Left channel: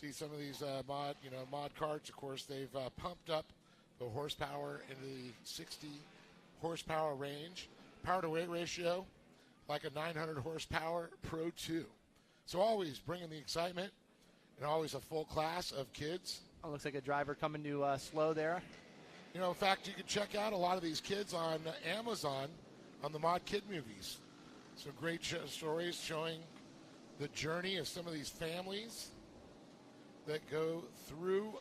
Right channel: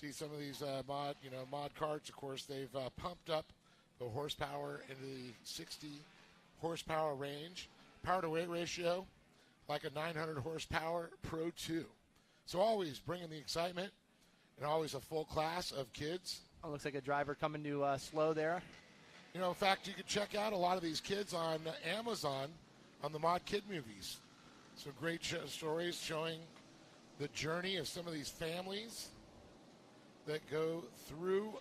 See some of these mod karts. Of course, they've pumped up the horsepower in the 60 horsepower range. Power to weight ratio, like a 900 horsepower Pro 2. So always bringing the excitement and always a full class of kids. Oh, looks like a driver coming to slow there. You know, in fact, you can check out a lot of these kids on Amazon on the Mod Kid movies. Some great stories showing the journey of some of these families that go through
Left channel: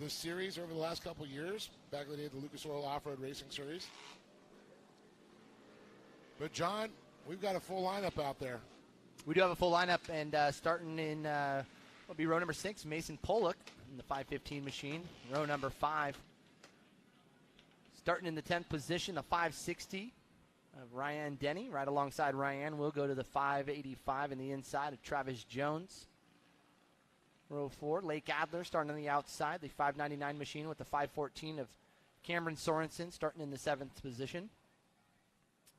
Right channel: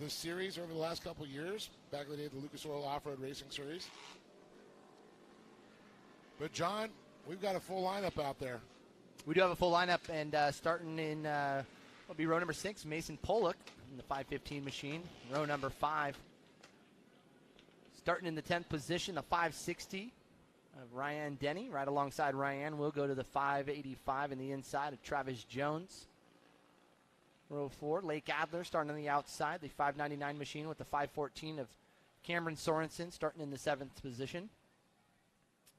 the series over the last couple of years, back in the day of the Lucas Oil Off-Road Racing Series. But, John, we've got a full lineup out there. We do have a full lineup, and starting in will be row number 6, Mason Pollock in the 515 machine. Row number 5. Starting in the 10th position, the 560 of Ryan Denny. Right alongside Ryan, we'll go to the 585 in the inside of Travis Jones. Row 4, Lake Adler starting on the outside. The 599 machine with the 514 of Cameron Sorensen starting in the 7th position.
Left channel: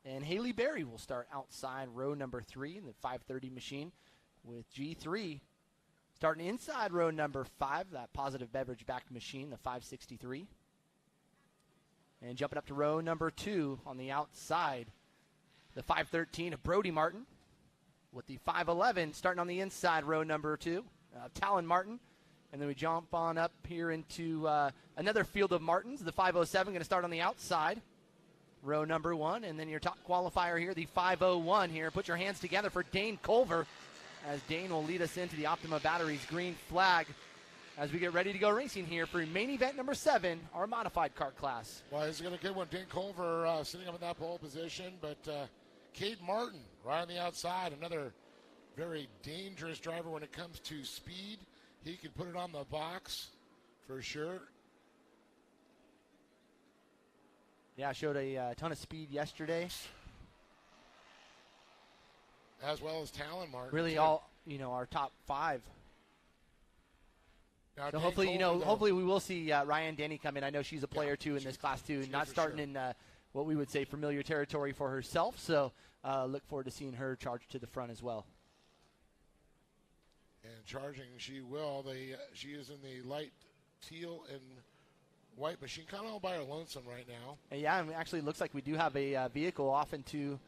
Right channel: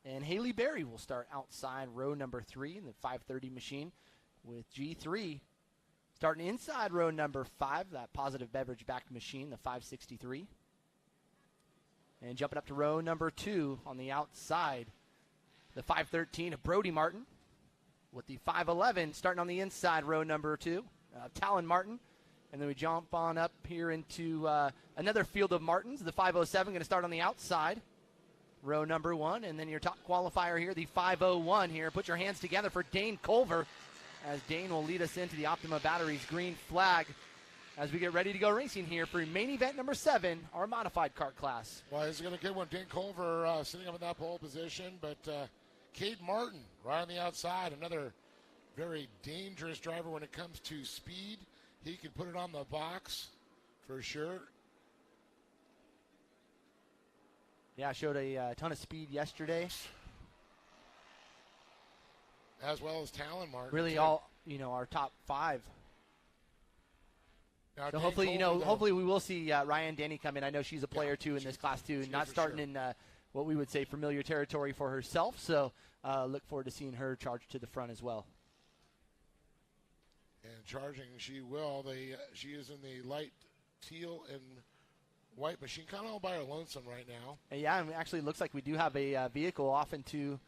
And Haley Berry will start outside row number 3 in the 530 machine with G3 starting inside row number 5, that Positive Beverage backed machine, the 563. And jumping up to row number 2 on the outside, the 513 of Brody Martin with the 511 starting on the inside row number 2, Talon Martin. And then we jump on up here into another field of Martins, the 507 going to start on the outside. Row number 1, and then your top qualifier here, the 501 here. Put your hands together for Dane Culver, as Dane will lead us into the Optima Batteries green flag as we get ready to go racing here for main event number 7, our modified kart class. Well, this is going to get one. Dane Culver sitting up in that pole position, but Cade Martin right on the outside, another very dangerous driver when it comes to speed. He can put it on the box for sure. Yeah, showed a ton of speed yesterday. As well as Talon Martin. Really all, our top 5. Now, so hopefully, hopefully we will see Ryan Denny come in. I know she's a player, too, in this class, too. Not starting in what we would say familiar territory for herself. So look forward to seeing her charge to the front as well. And charging, she will. She is in the light teal and white machine, kind of all by her lonesome right now. And yeah, and actually it looks like we do have a vehicle off into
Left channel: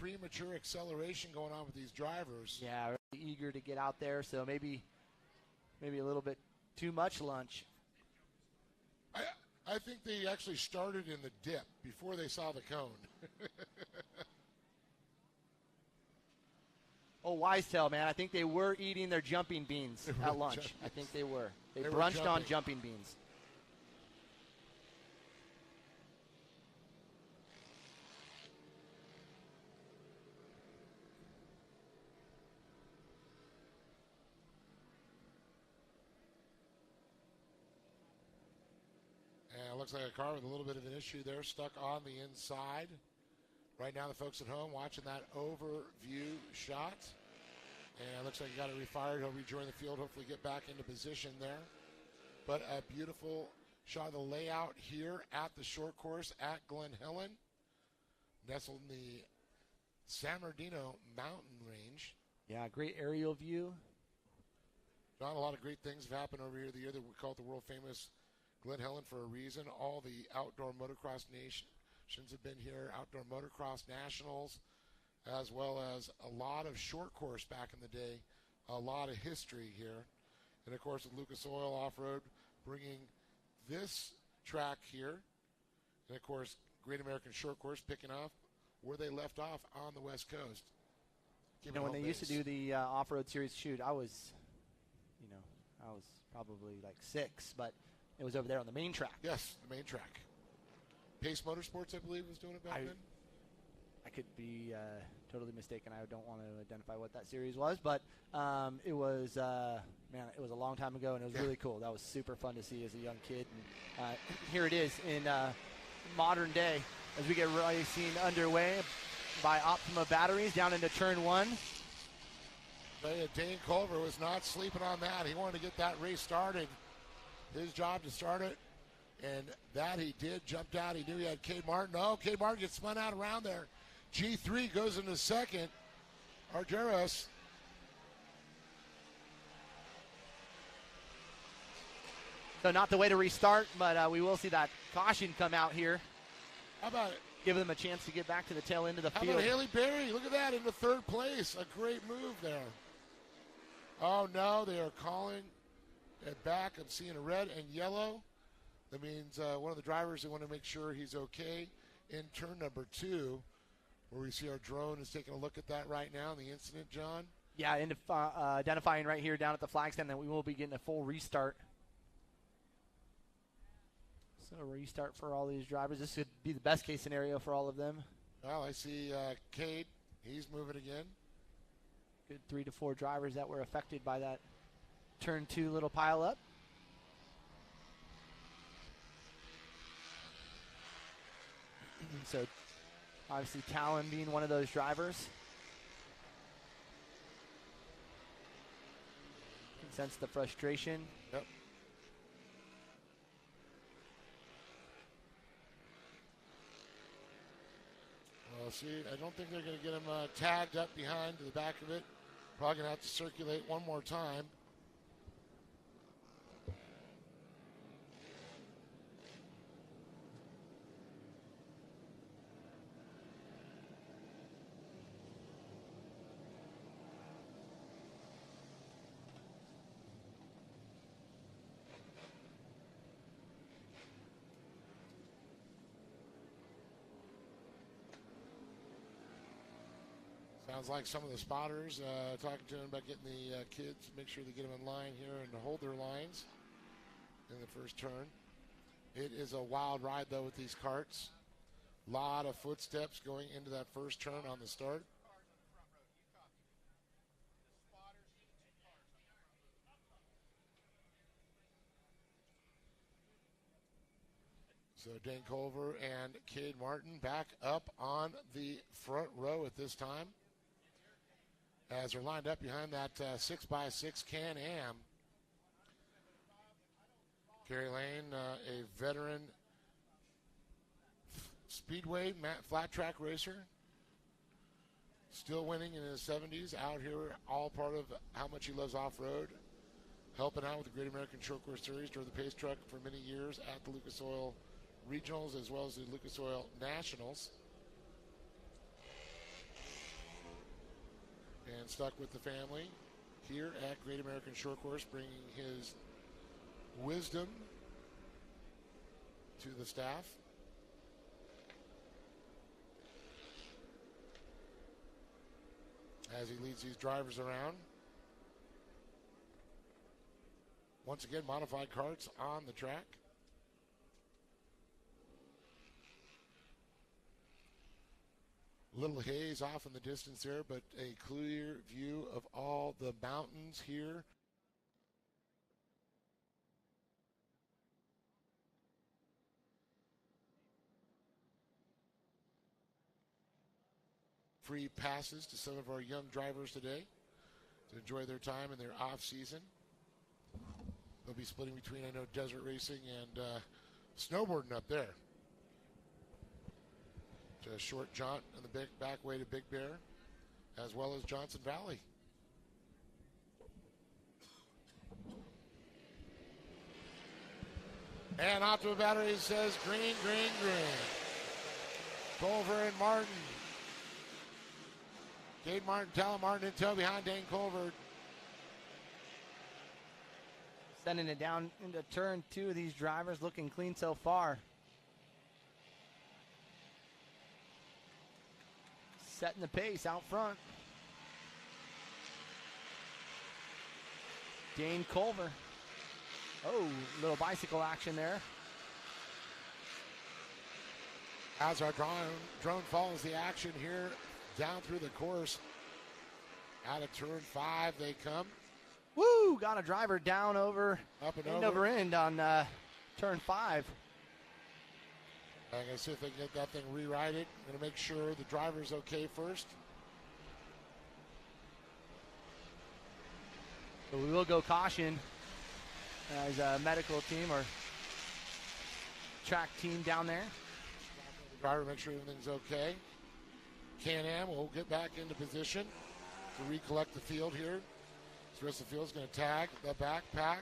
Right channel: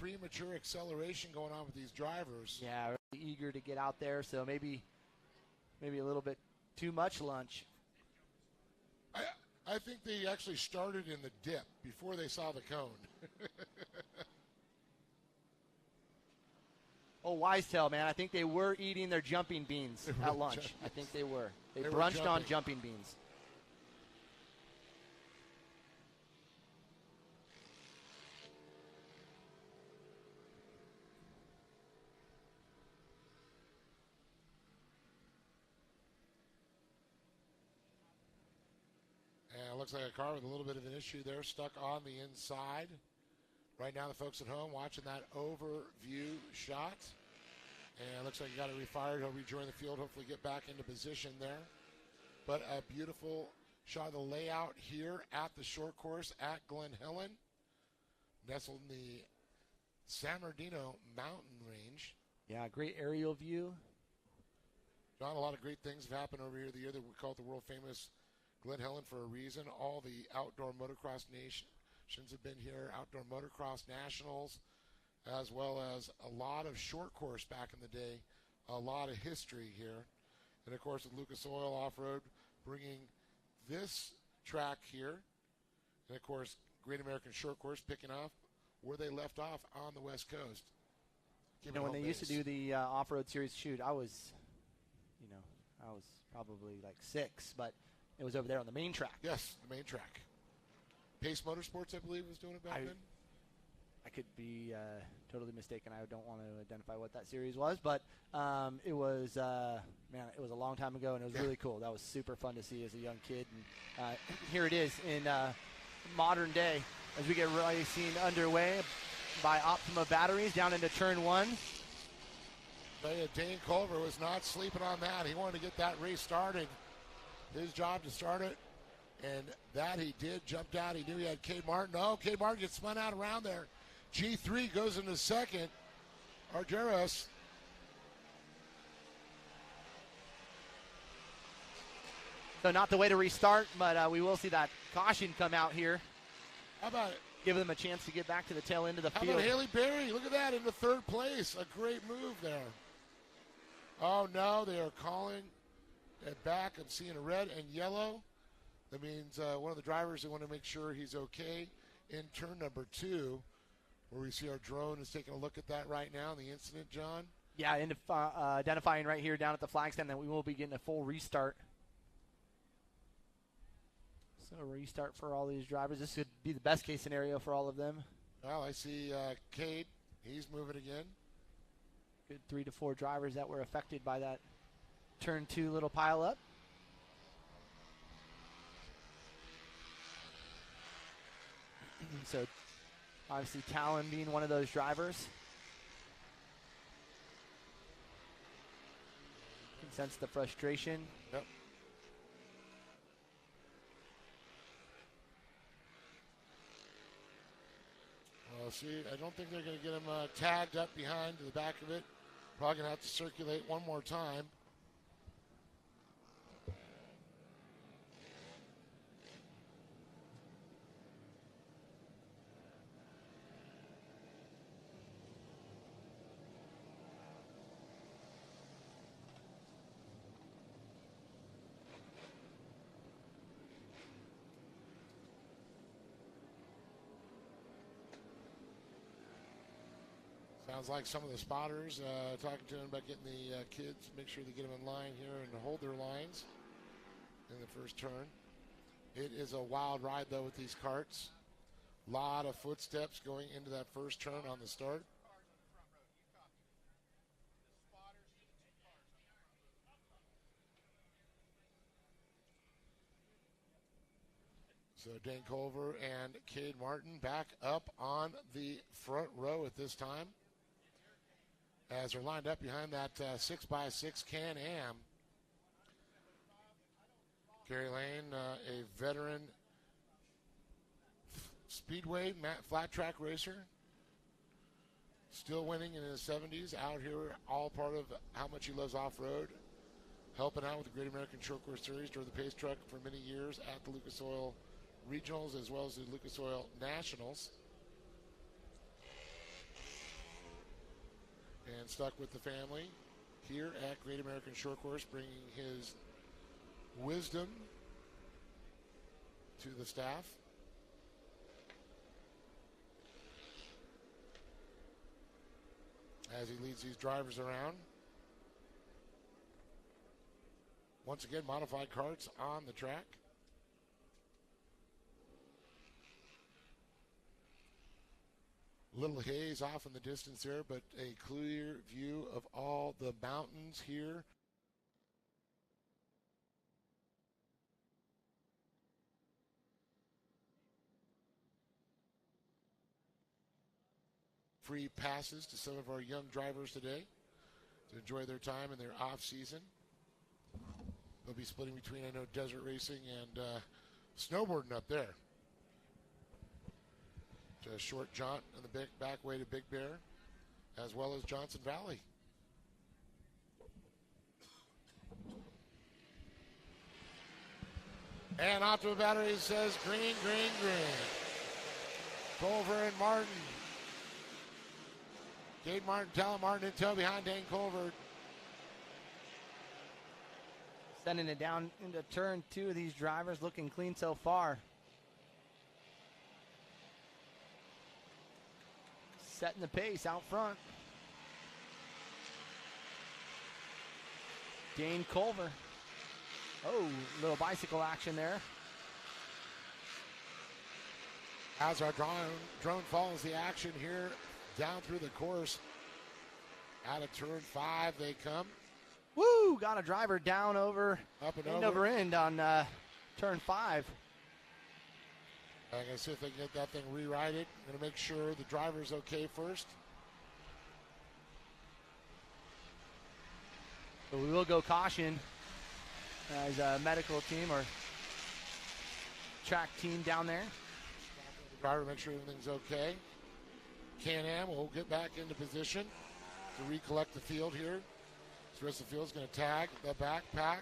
premature acceleration going on with these drivers. Yeah, really eager to get out there, so maybe a little bit too much lunch. I think they actually started in the dip before they saw the cone. Oh, Wisetail, man. I think they were eating their jumping beans at lunch. I think they were. They brunched on jumping beans. Looks like a car with a little bit of an issue there, stuck on the inside. Right now, the folks at home watching that overview shot. And looks like he got it refired. He'll rejoin the field, hopefully get back into position there. But a beautiful shot of the layout here at the short course at Glen Helen, nestled in the San Bernardino mountain range. Yeah, great aerial view. John, a lot of great things have happened over here the year that we call it the world famous Glen Helen for a reason. All the outdoor motocross nations have been here, outdoor motocross nationals, as well as a lot of short course back in the day, a lot of history here. And, of course, with Lucas Oil Off-Road bringing this track here, and, of course, Great American Short Course picking up where they left off on the West Coast. When they used to do the off-road series shoot, I was probably like 6, but it was over there on the main track. Yes, the main track. Pace Motorsports, I believe, was doing it back then. I could be totally mistaken. I don't want to identify what that series was, but it was it was a long time ago, and it was really cool. That was super fun to see as a young kid. And here it is in modern day as we get racing underway by Optima Batteries down into turn 1. Dane Culver was not sleeping on that. He wanted to get that race started. His job to start it, and that he did. Jumped out. He knew he had Cade Martin. Oh, Cade Martin gets spun out around there. G3 goes into second. Argeros. So not the way to restart, but we will see that caution come out here. How about it? Give them a chance to get back to the tail end of the field. How about Haley Berry? Look at that, in the 3rd place. A great move there. Oh, no, they are calling it back. I'm seeing a red and yellow. That means one of the drivers, they want to make sure he's okay in turn number 2, where we see our drone is taking a look at that right now, the incident, John. Yeah, and identifying right here down at the flag stand that we will be getting a full restart. So a restart for all these drivers. This would be the best case scenario for all of them. Well, I see Cade. He's moving again. Good 3 to 4 drivers that were affected by that turn 2 little pile up. So obviously Talon being one of those drivers. You can sense the frustration. Yep. Well, see, I don't think they're going to get him tagged up behind to the back of it. Probably going to have to circulate one more time. Sounds like some of the spotters talking to them about getting the kids, make sure they get them in line here and hold their lines in the first turn. It is a wild ride, though, with these karts. A lot of footsteps going into that first turn on the start. So Dane Culver and Cade Martin back up on the front row at this time, as they're lined up behind that 6x6 Can-Am. Gary Lane, a veteran speedway flat track racer, still winning in his 70s, out here, all part of how much he loves off-road, helping out with the Great American Short Course Series, drove the pace truck for many years at the Lucas Oil Regionals as well as the Lucas Oil Nationals. And stuck with the family here at Great American Short Course, bringing his wisdom to the staff. As he leads these drivers around. Once again, modified karts on the track. Little haze off in the distance there, but a clear view of all the mountains here. Free passes to some of our young drivers today to enjoy their time in their off season. They'll be splitting between, I know, desert racing and snowboarding up there. So a short jaunt on the back way to Big Bear, as well as Johnson Valley. And Optima Battery says green, green, green. Culver and Martin. Cade Martin, Talon Martin in tow behind Dane Culver. Sending it down into turn 2 of these drivers, looking clean so far. Setting the pace out front. Dane Culver. Oh, little bicycle action there. as our drone follows the action here down through the course. Out of turn 5 they come. Woo! Got a driver down over, Up and end over. over end on turn 5. I'm going to see if they can get that thing rerighted. I'm going to make sure the driver's okay first. So we will go caution as a medical team or track team down there. The driver, make sure everything's okay. Can-Am will get back into position to recollect the field here. The rest of the field is going to tag the backpack.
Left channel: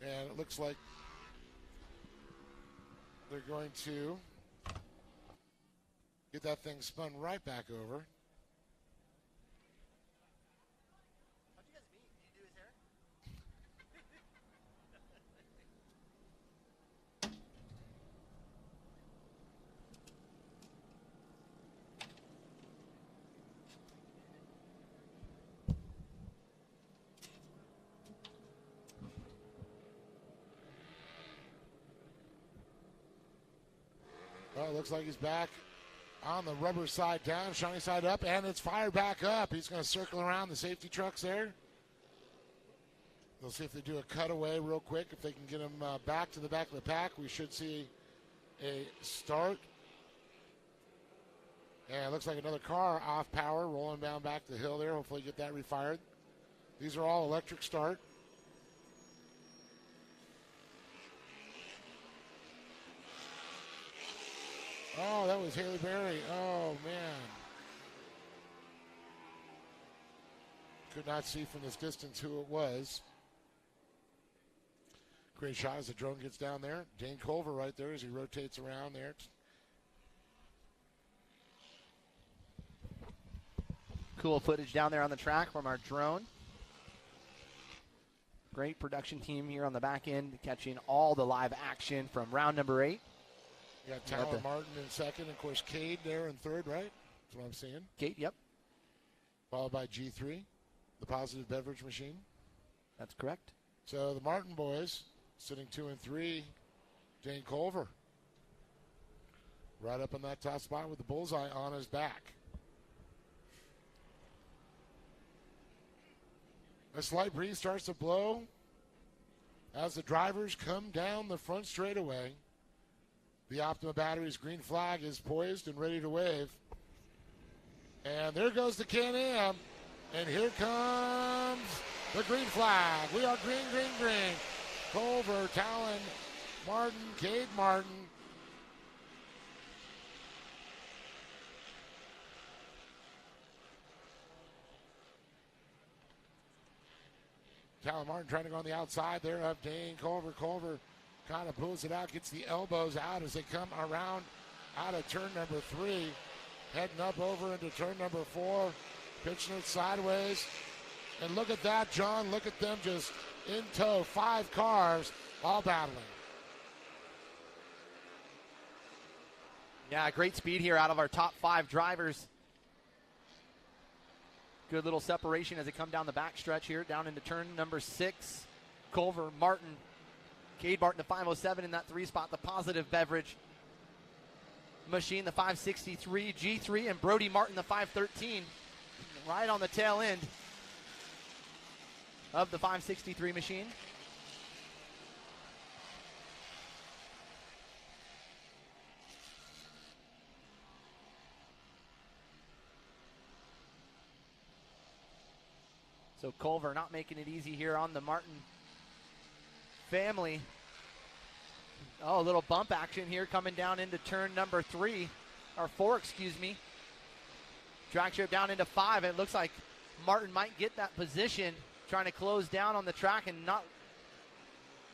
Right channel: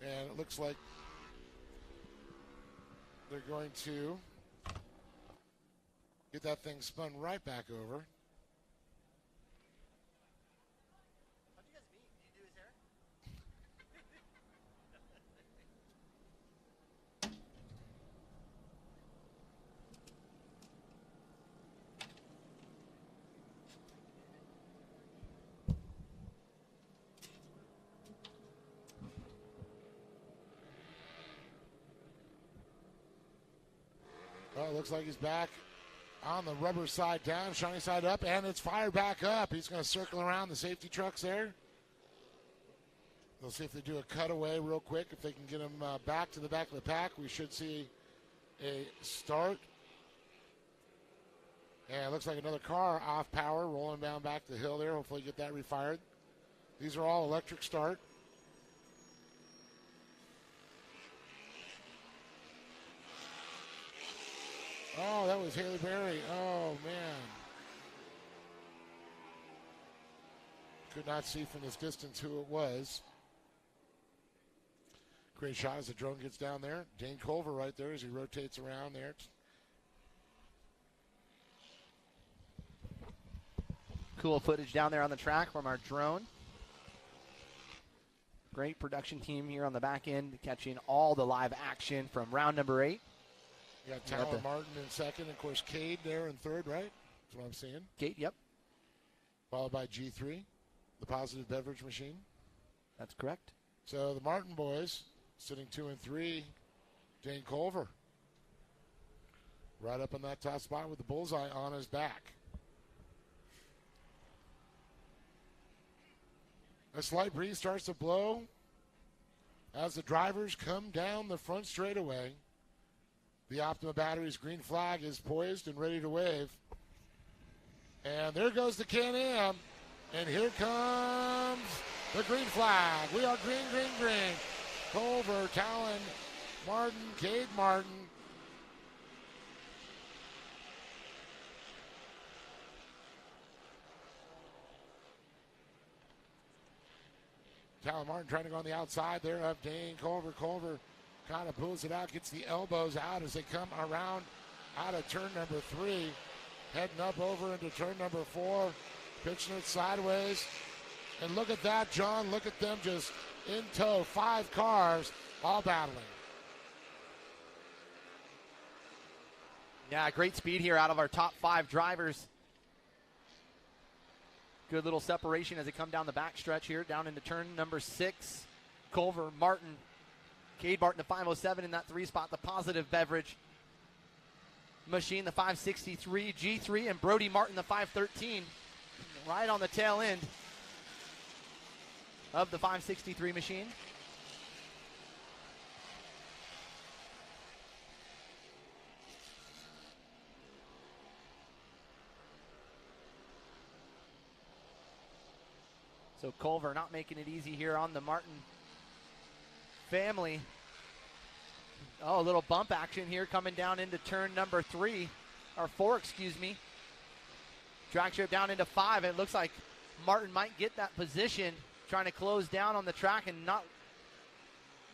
And it looks like they're going to get that thing spun right back over. Well, it looks like he's back on the rubber side down, shiny side up, and it's fired back up. He's going to circle around the safety trucks there. We'll see if they do a cutaway real quick. If they can get him back to the back of the pack, we should see a start. And it looks like another car off power, rolling down back the hill there. Hopefully get that refired. These are all electric start. Oh, that was Haley Berry. Oh, man. Could not see from this distance who it was. Great shot as the drone gets down there. Dane Culver right there as he rotates around there. Cool footage down there on the track from our drone. Great production team here on the back end, catching all the live action from round number 8. You got Tyler Martin in second. Of course, Cade there in third, right? That's what I'm seeing. Cade, yep. Followed by G3, the positive beverage machine. That's correct. So the Martin boys sitting 2 and 3. Dane Culver right up in that top spot with the bullseye on his back. A slight breeze starts to blow as the drivers come down the front straightaway. The Optima Batteries green flag is poised and ready to wave. And there goes the Can-Am. And here comes the green flag. We are green, green, green. Culver, Talon, Martin, Cade Martin. Talon Martin trying to go on the outside there of Dane Culver. Culver kind of pulls it out, gets the elbows out as they come around out of turn number 3. Heading up over into turn number 4. Pitching it sideways. And look at that, John. Look at them just in tow. 5 cars all battling. Yeah, great speed here out of our top 5 drivers. Good little separation as they come down the back stretch here, down into turn number 6. Culver, Martin, Cade Martin, the 507 in that 3 spot, the positive beverage machine, the 563, G3, and Brody Martin, the 513, right on the tail end of the 563 machine. So Culver not making it easy here on the Martin family. Oh, a little bump action here coming down into turn number 3, or 4, excuse me. Drag strip down into 5, and it looks like Martin might get that position, trying to close down on the track, and not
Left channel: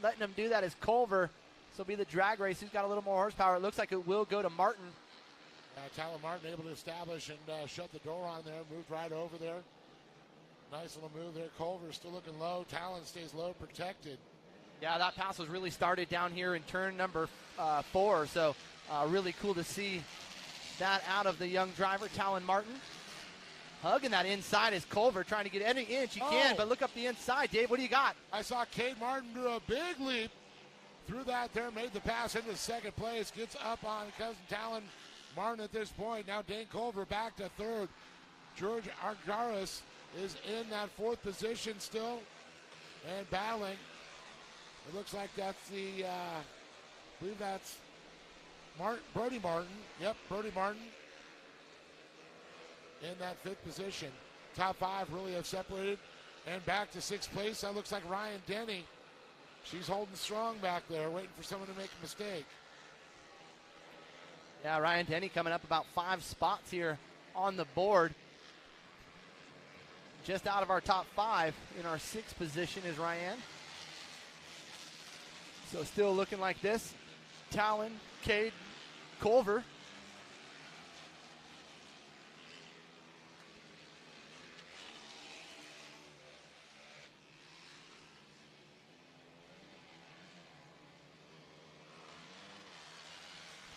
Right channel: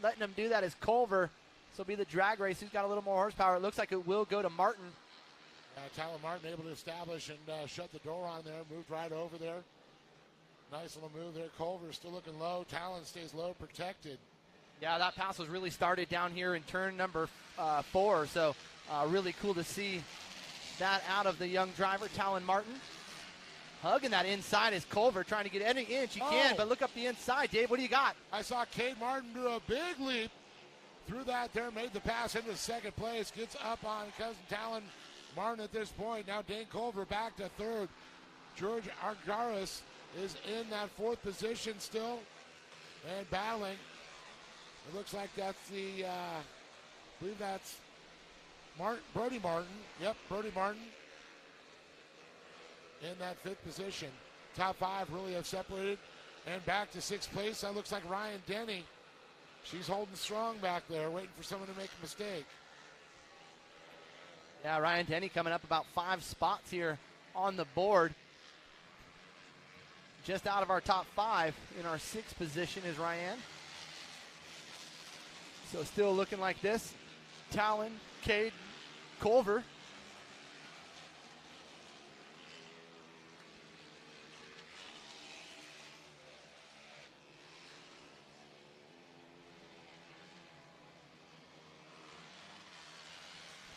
letting him do that is Culver. This will be the drag race. He's got a little more horsepower. It looks like it will go to Martin. Tyler Martin able to establish and shut the door on there, moved right over there. Nice little move there. Culver still looking low. Talon stays low, protected. Yeah, that pass was really started down here in turn number 4. So really cool to see that out of the young driver, Talon Martin. Hugging that inside is Culver, trying to get any inch he can, but look up the inside. Dave, what do you got? I saw Cade Martin do a big leap through that there, made the pass into second place, gets up on Cousin Talon Martin at this point. Now Dane Culver back to third. George Argaris is in that fourth position still and battling. It looks like that's I believe that's Brody Martin. Yep, Brody Martin in that fifth position. Top five really have separated. And back to sixth place, that looks like Ryan Denny. She's holding strong back there, waiting for someone to make a mistake. Yeah, Ryan Denny coming up about 5 spots here on the board. Just out of our top 5. In our 6th position is Ryan. So still looking like this. Talon, Cade, Culver.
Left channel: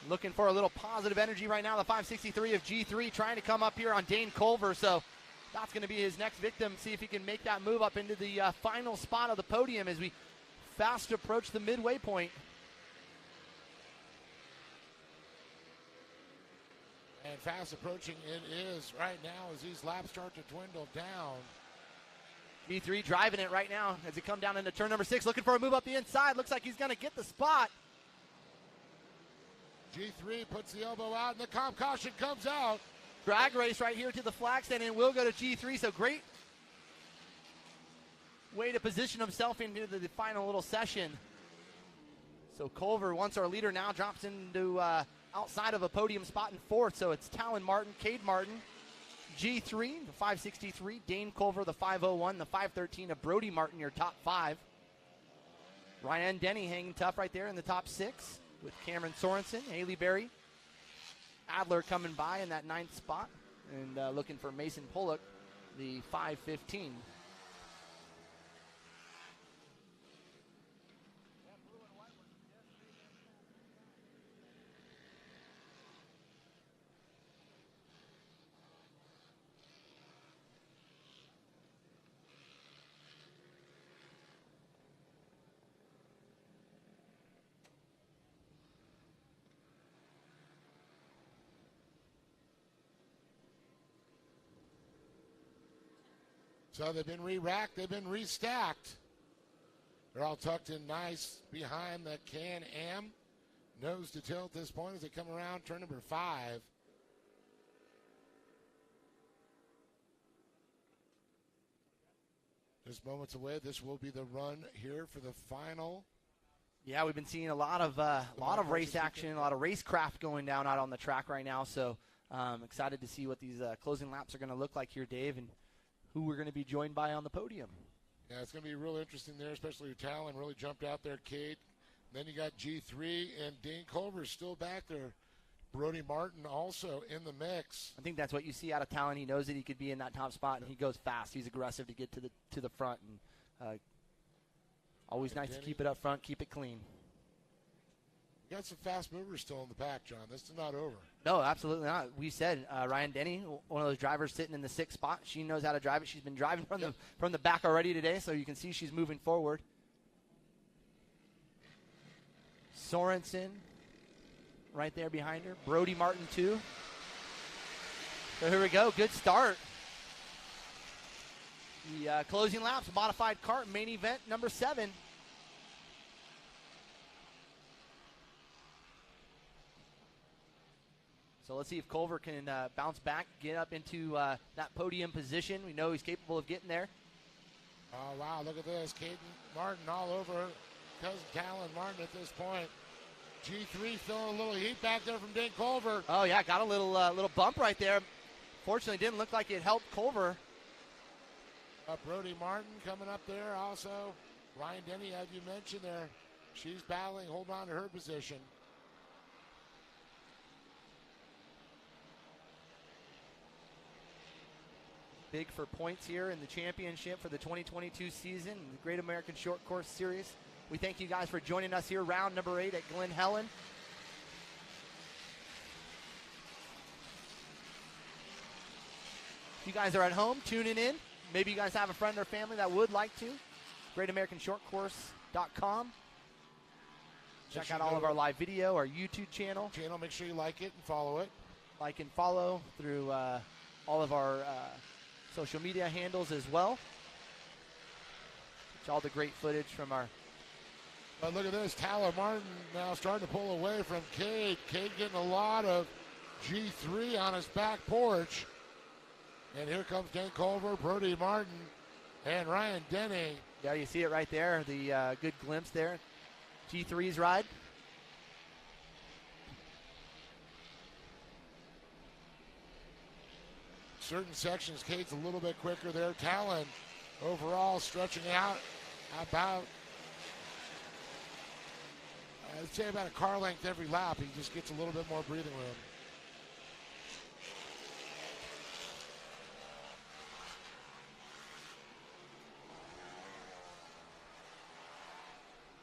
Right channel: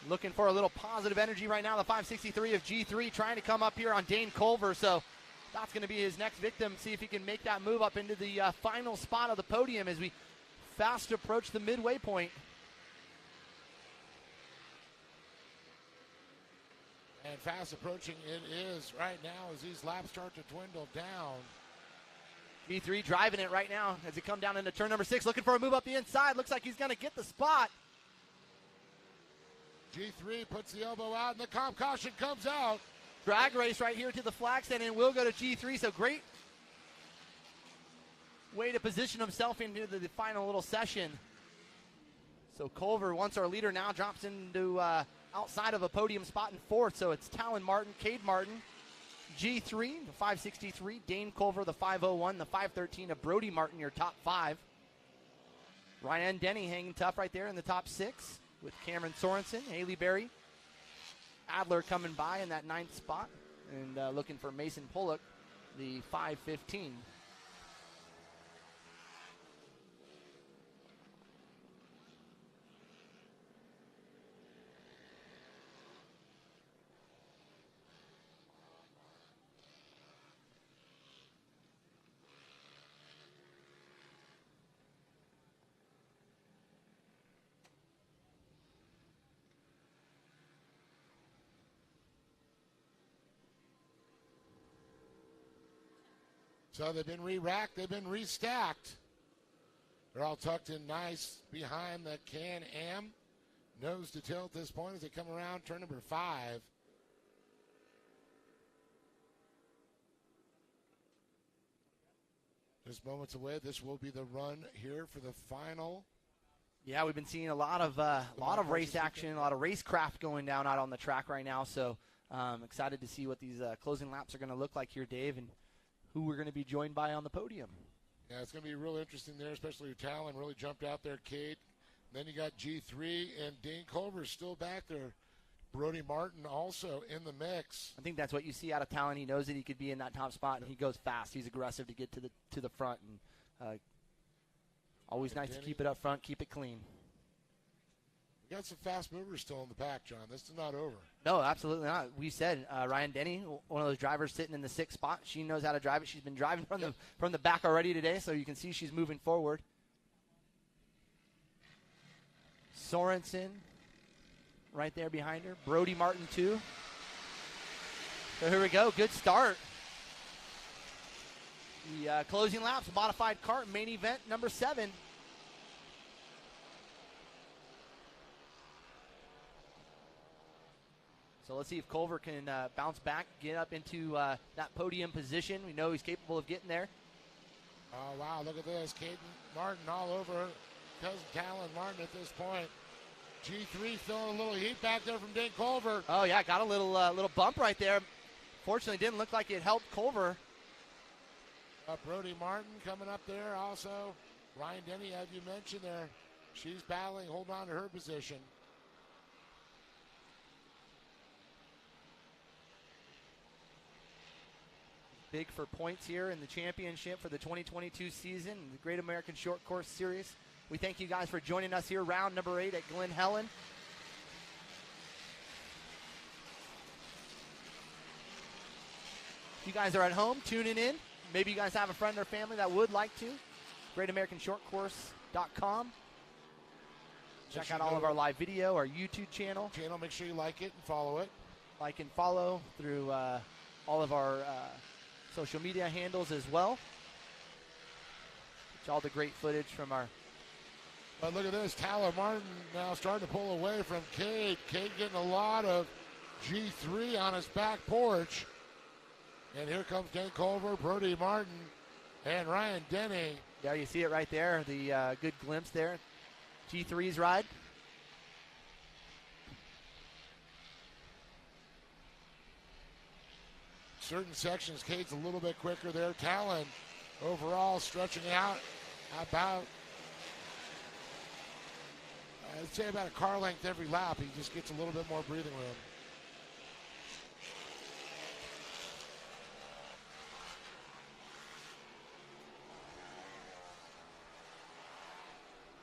Looking for a little positive energy right now. The 563 of G3 trying to come up here on Dane Culver. So that's going to be his next victim. See if he can make that move up into the final spot of the podium as we fast approach the midway point. And fast approaching it is right now as these laps start to dwindle down. G3 driving it right now as they come down into turn number 6. Looking for a move up the inside. Looks like he's going to get the spot. G3 puts the elbow out, and the comp caution comes out. Drag race right here to the flag stand, and will go to G3. So great way to position himself into the final little session. So Culver, once our leader, now drops into outside of a podium spot in 4th. So it's Talon Martin, Cade Martin, G3, the 563, Dane Culver, the 501, the 513 of Brody Martin, your top 5. Ryan Denny hanging tough right there in the top 6. With Cameron Sorensen, Haley Berry, Adler coming by in that 9th spot, and looking for Mason Pollock, the 515. So they've been re-racked, they've been restacked. They're all tucked in nice behind the Can-Am. Nose to tail at this point as they come around turn number 5. Just moments away, this will be the run here for the final. Yeah, we've been seeing a lot of race action, a lot of racecraft going down out on the track right now. So excited to see what these closing laps are going to look like here, Dave, and who we're going to be joined by on the podium. Yeah, it's going to be real interesting there, especially if Talon really jumped out there, Kate. Then you got G3 and Dane Culver still back there. Brody Martin also in the mix. I think that's what you see out of Talon. He knows that he could be in that top spot, and he goes fast. He's aggressive to get to the front, and always nice to keep it up front, keep it clean. You got some fast movers still in the pack, John. This is not over. No, absolutely not. We said Ryan Denny, one of those drivers sitting in the 6th spot. She knows how to drive it. She's been driving from the back already today, so you can see she's moving forward. Sorensen right there behind her. Brody Martin, too. So here we go. Good start. The closing laps, modified kart, main event number 7. So let's see if Culver can bounce back, get up into that podium position. We know he's capable of getting there. Oh, wow, look at this. Caden Martin all over Cousin Talon Martin at this point. G3 feeling a little heat back there from Dane Culver. Oh, yeah, got a little bump right there. Fortunately, didn't look like it helped Culver. Brody Martin coming up there also. Ryan Denny, as you mentioned there, she's battling, hold on to her position. Big for points here in the championship for the 2022 season, the Great American Short Course Series. We thank you guys for joining us here, round number 8 at Glen, Helen. If you guys are at home tuning in, maybe you guys have a friend or family that would like to, GreatAmericanShortCourse.com. Check out all of our live video, our YouTube channel. Make sure you like it and follow it. Like and follow through all of our social media handles as well. It's all the great footage from our... But look at this. Tyler Martin now starting to pull away from Cade. Cade getting a lot of G3 on his back porch. And here comes Dan Culver, Brody Martin, and Ryan Denny. Yeah, you see it right there. The good glimpse there. G3's ride. Certain sections, Cade's a little bit quicker there. Talon overall stretching out about, I'd say about a car length every lap. He just gets a little bit more breathing room.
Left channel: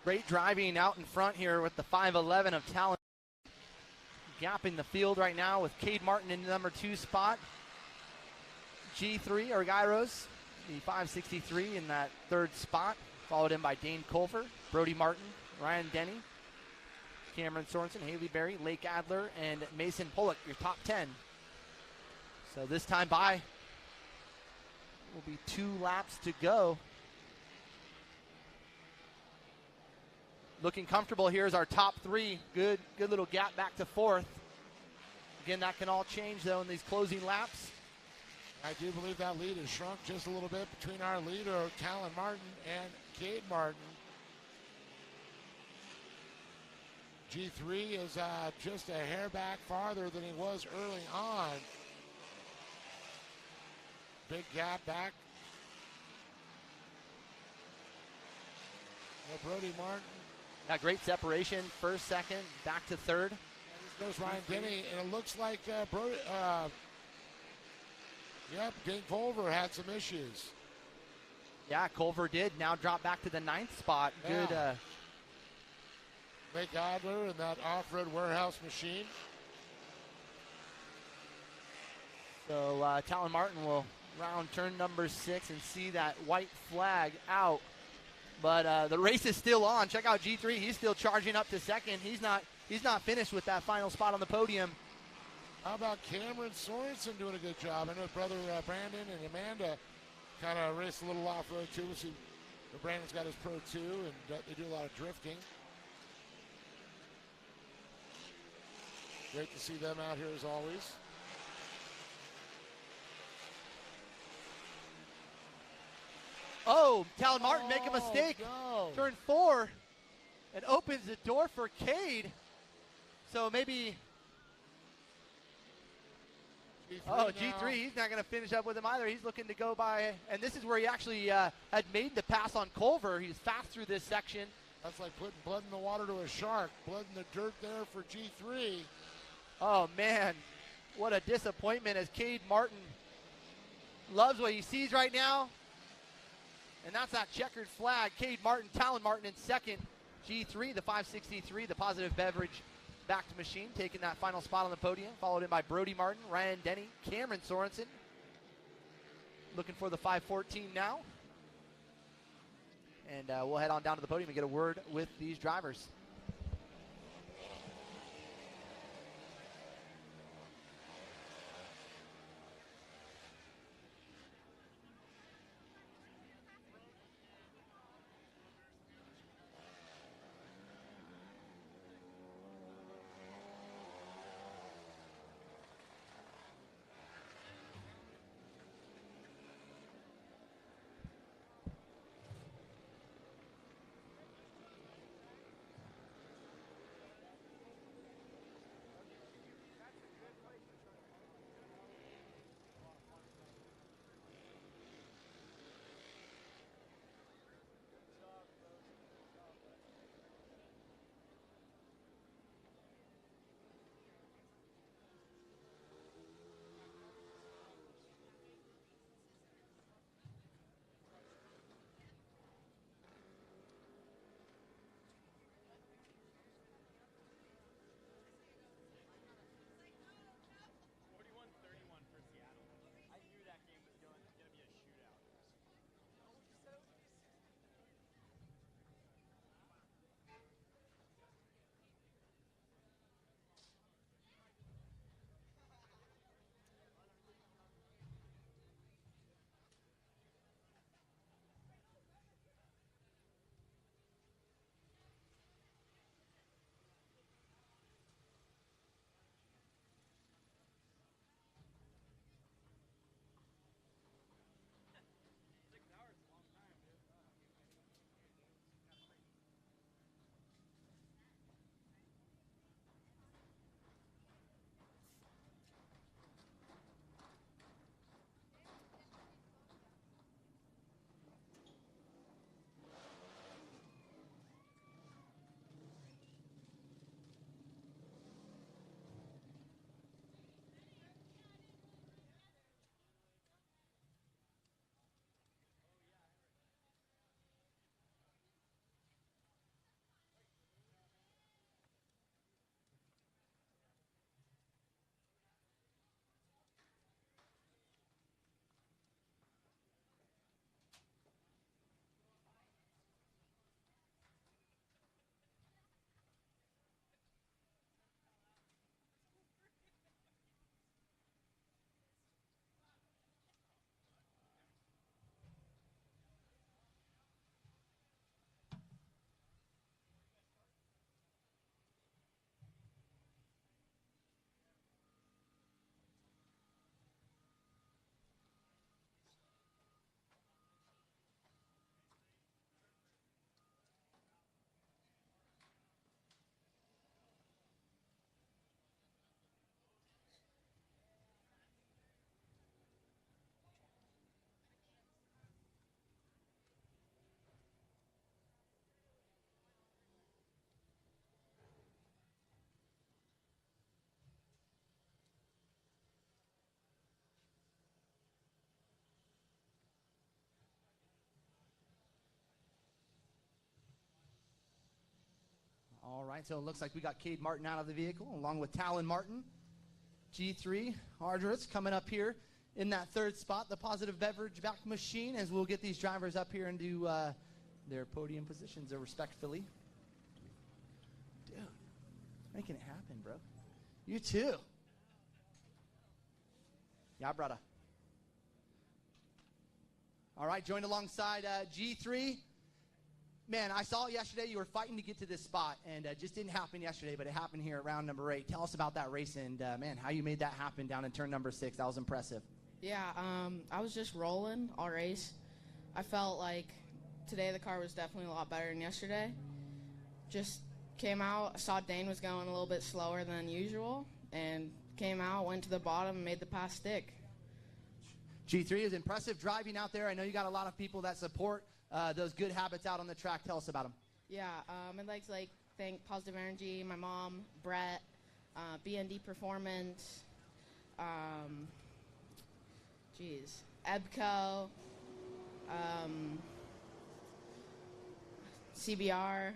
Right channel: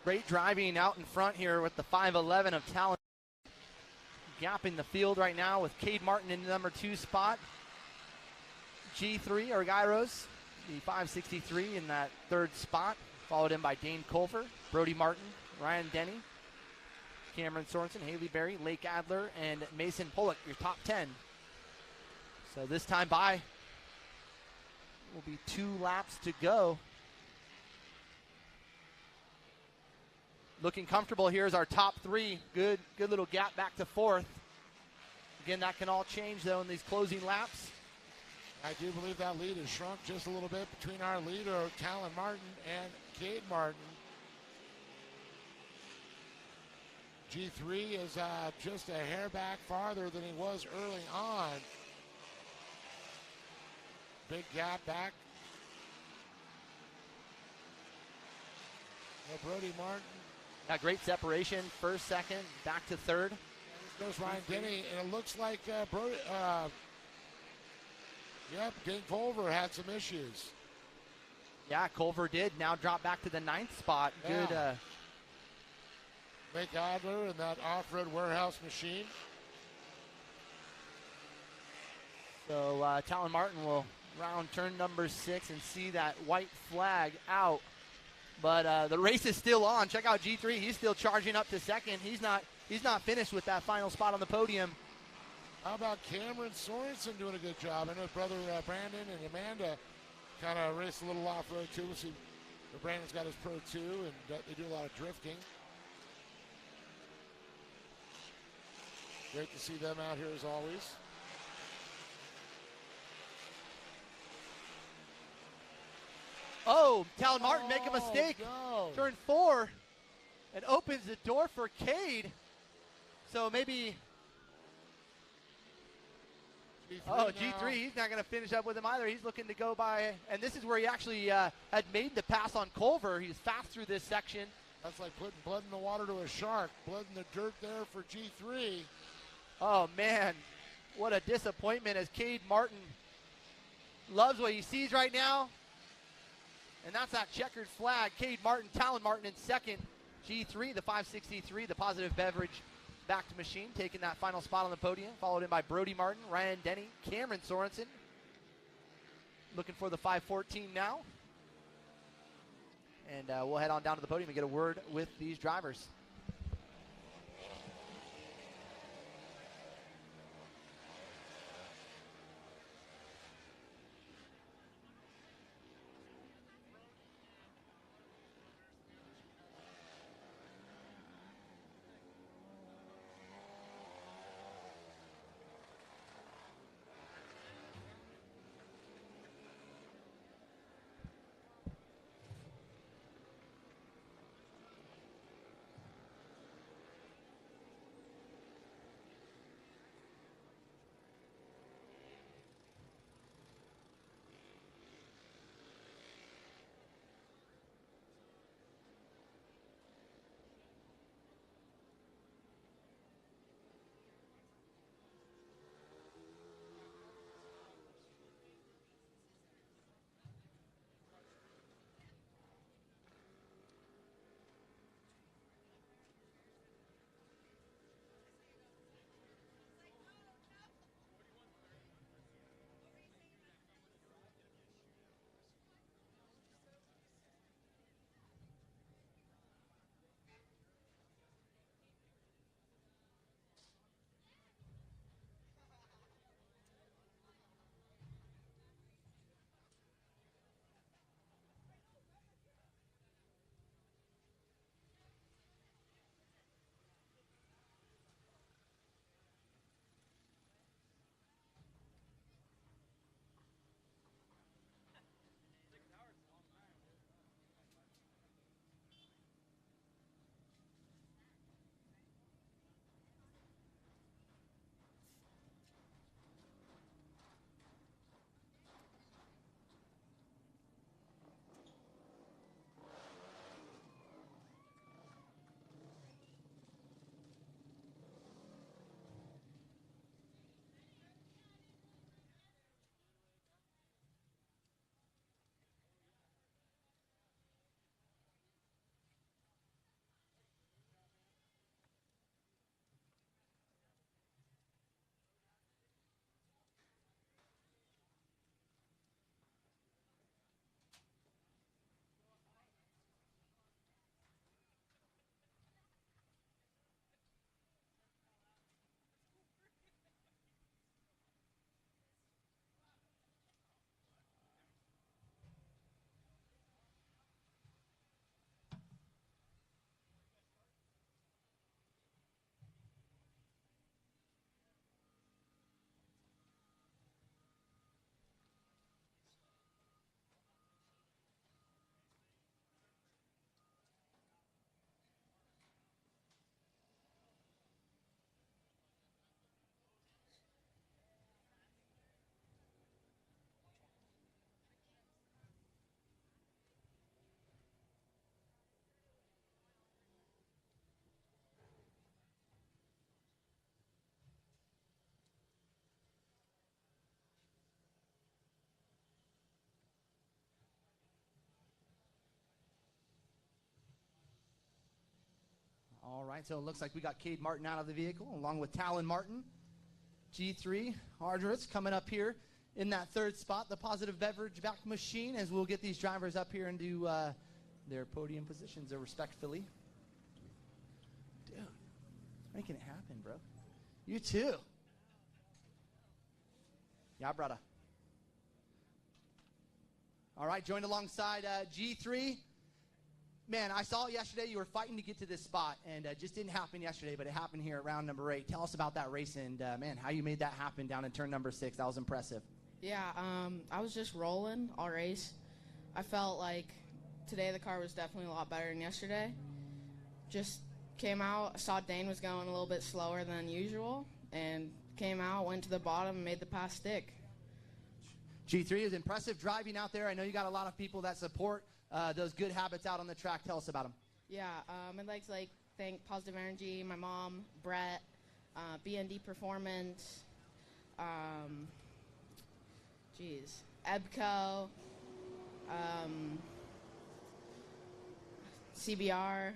Great driving out in front here with the 5'11 of Talon. Gapping the field right now with Cade Martin in the number 2 spot. G3, or Gyros, the 563 in that 3rd spot, followed in by Dane Culver, Brody Martin, Ryan Denny, Cameron Sorensen, Haley Berry, Lake Adler, and Mason Pollock, your top 10. So this time by will be 2 laps to go. Looking comfortable here is our top 3. Good little gap back to 4th. Again, that can all change, though, in these closing laps. I do believe that lead has shrunk just a little bit between our leader, Talon Martin, and Cade Martin. G3 is just a hair back farther than he was early on. Big gap back. Brody Martin. Got great separation, 1st, 2nd, back to 3rd. And this goes Ryan Denny, and it looks like Dane Culver had some issues. Yeah, Culver did. Now drop back to the 9th spot. Yeah. Good. Lake Adler in that off-road warehouse machine. So Talon Martin will round turn number 6 and see that white flag out. But the race is still on. Check out G3. He's still charging up to 2nd. He's not finished with that final spot on the podium. How about Cameron Sorensen doing a good job? I know brother Brandon and Amanda kind of race a little off-road too. We'll see. Brandon's got his Pro 2, and they do a lot of drifting. Great to see them out here as always. Oh, Talon Martin make a mistake. No. Turn 4. It opens the door for Cade. So maybe... G3, he's not going to finish up with him either. He's looking to go by, and this is where he actually had made the pass on Culver. He's fast through this section. That's like putting blood in the water to a shark. Blood in the dirt there for G3. Oh, man. What a disappointment as Cade Martin loves what he sees right now. And that's that checkered flag. Cade Martin, Talon Martin in 2nd. G3, the 563, the positive beverage backed machine, taking that final spot on the podium, followed in by Brody Martin, Ryan Denny, Cameron Sorensen. Looking for the 514 now. And we'll head on down to the podium and get a word with these drivers. right, so it looks like we got Cade Martin out of the vehicle along with Talon Martin. G3, Hardritz coming up here in that third spot, the Positive Beverage Vac Machine, as we'll get these drivers up here into their podium positions respectively. Dude, making it happen, bro. You too. Yeah, brother. All right, joined alongside G3. Man, I saw yesterday you were fighting to get to this spot, and it just didn't happen yesterday, but it happened here at round number 8. Tell us about that race and, man, how you made that happen down in turn number 6. That was impressive. Yeah, I was just rolling all race. I felt like today the car was definitely a lot better than yesterday. Just came out, I saw Dane was going a little bit slower than usual, and came out, went to the bottom, and made the pass stick. G3 is impressive driving out there. I know you got a lot of people that support those good habits out on the track. Tell us about them. Yeah, I'd like to thank Positive Energy, my mom, Brett, BND Performance, EBCO, CBR.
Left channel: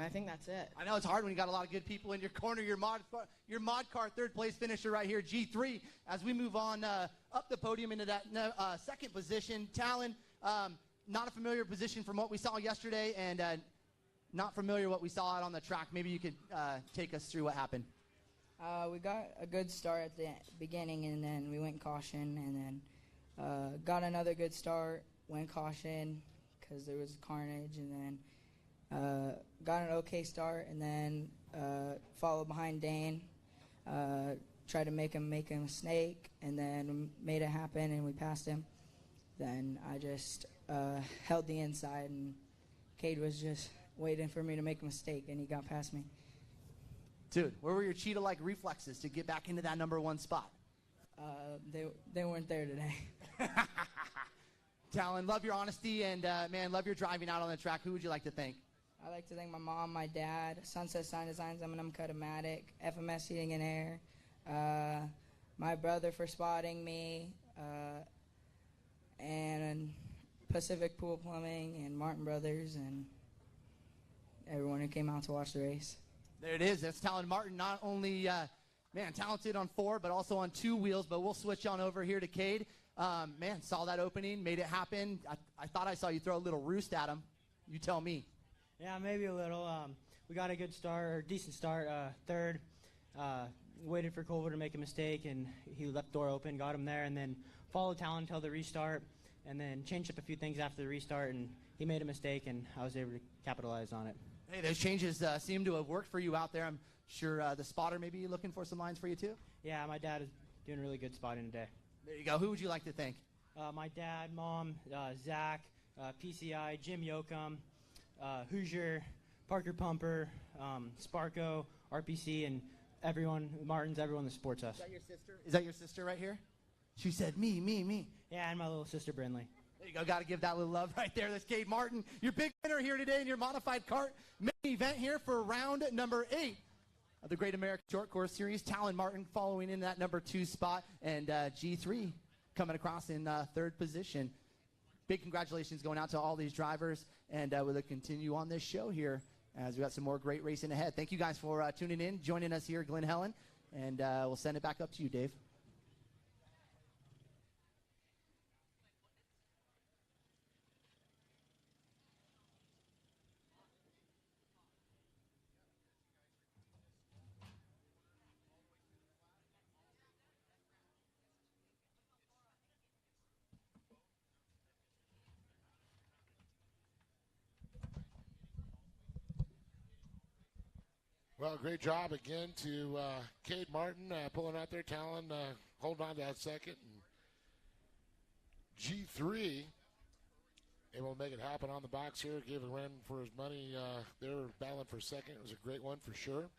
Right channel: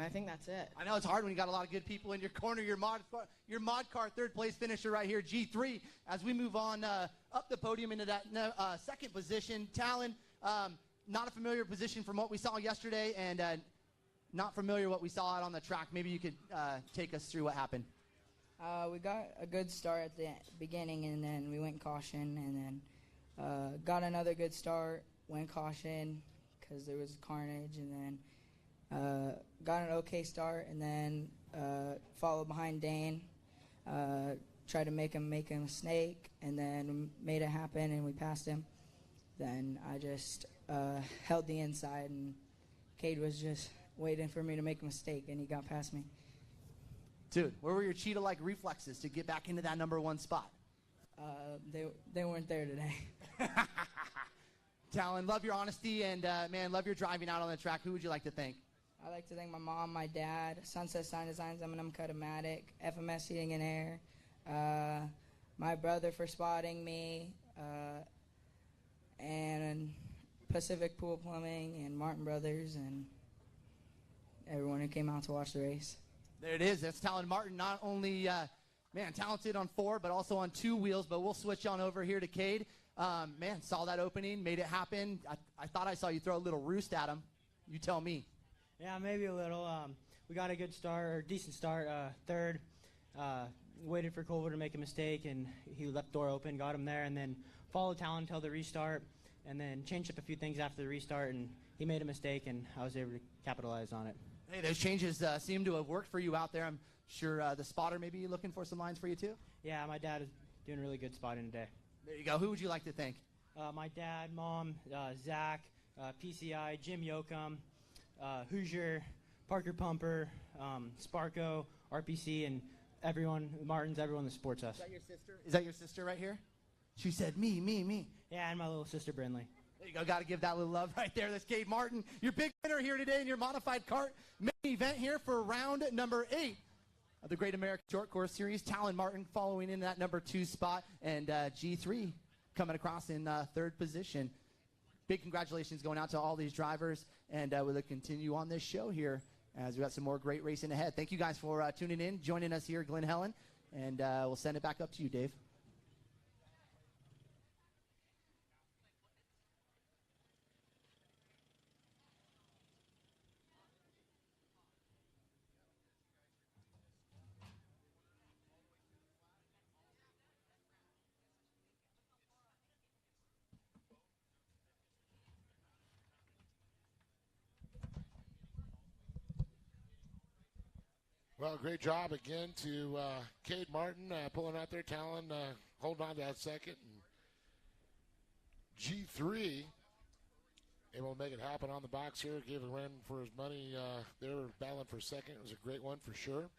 I think that's it. I know it's hard when you got a lot of good people in your corner. Your mod car third place finisher right here, G3. As we move on up the podium into that second position, Talon, not a familiar position from what we saw yesterday, and not familiar what we saw out on the track. Maybe you could take us through what happened. We got a good start at the beginning, and then we went caution, and then got another good start, went caution because there was carnage, and then got an okay start, and then followed behind Dane, tried to make him a snake, and then made it happen, and we passed him. Then I just held the inside, and Cade was just waiting for me to make a mistake, and he got past me. Dude, where were your cheetah-like reflexes to get back into that number 1 spot? They weren't there today. Talon, love your honesty, and man, love your driving out on the track. Who would you like to thank? I'd like to thank my mom, my dad, Sunset Sign Designs, M&M Cutomatic, FMS Heating and Air, my brother for spotting me, and Pacific Pool Plumbing, and Martin Brothers, and everyone who came out to watch the race. There it is. That's Talon Martin, not only, man, talented on 4, but also on 2 wheels. But we'll switch on over here to Cade. Man, saw that opening, made it happen. I thought I saw you throw a little roost at him. You tell me. Yeah, maybe a little. We got a good start, or decent start, third. Waited for Culver to make a mistake, and he left door open, got him there, and then followed Talon until the restart, and then changed up a few things after the restart, and he made a mistake, and I was able to capitalize on it. Hey, those changes seem to have worked for you out there. I'm sure the spotter may be looking for some lines for you, too? Yeah, my dad is doing really good spotting today. There you go. Who would you like to thank? My dad, mom, Zach, PCI, Jim Yoakum, Hoosier, Parker Pumper, Sparko, RPC, and everyone, Martins, everyone that supports us. Is that your sister? Is that your sister right here? She said, me. Yeah, and my little sister, Brindley. There you go. Got to give that little love right there. That's Cade Martin, your big winner here today in your modified kart main event here for round number 8 of the Great American Short Course Series. Talon Martin following in that number 2 spot, and G3 coming across in 3rd position. Big congratulations going out to all these drivers, and we'll continue on this show here as we got some more great racing ahead. Thank you guys for tuning in, joining us here at Glen Helen, and we'll send it back up to you, Dave. Well, great job again to Cade Martin pulling out there, Talon holding on to that second. And G3 able to make it happen on the box here, gave a run for his money. They were battling for second. It was a great one for sure.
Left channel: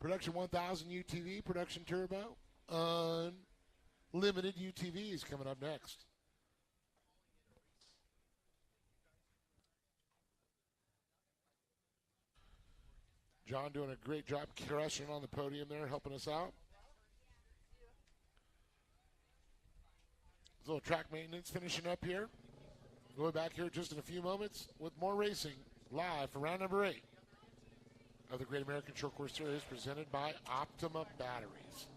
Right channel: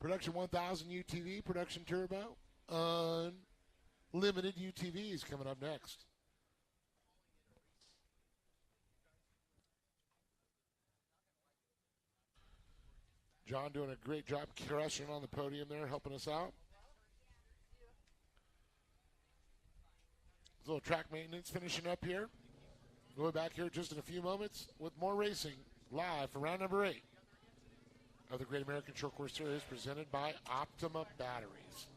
Production 1000 UTV, Production Turbo, Unlimited UTV is coming up next. John doing a great job crushing on the podium there, helping us out. A little track maintenance finishing up here. We'll be back here just in a few moments with more racing live for round number 8 of the Great American Short Course Series presented by Optima Batteries.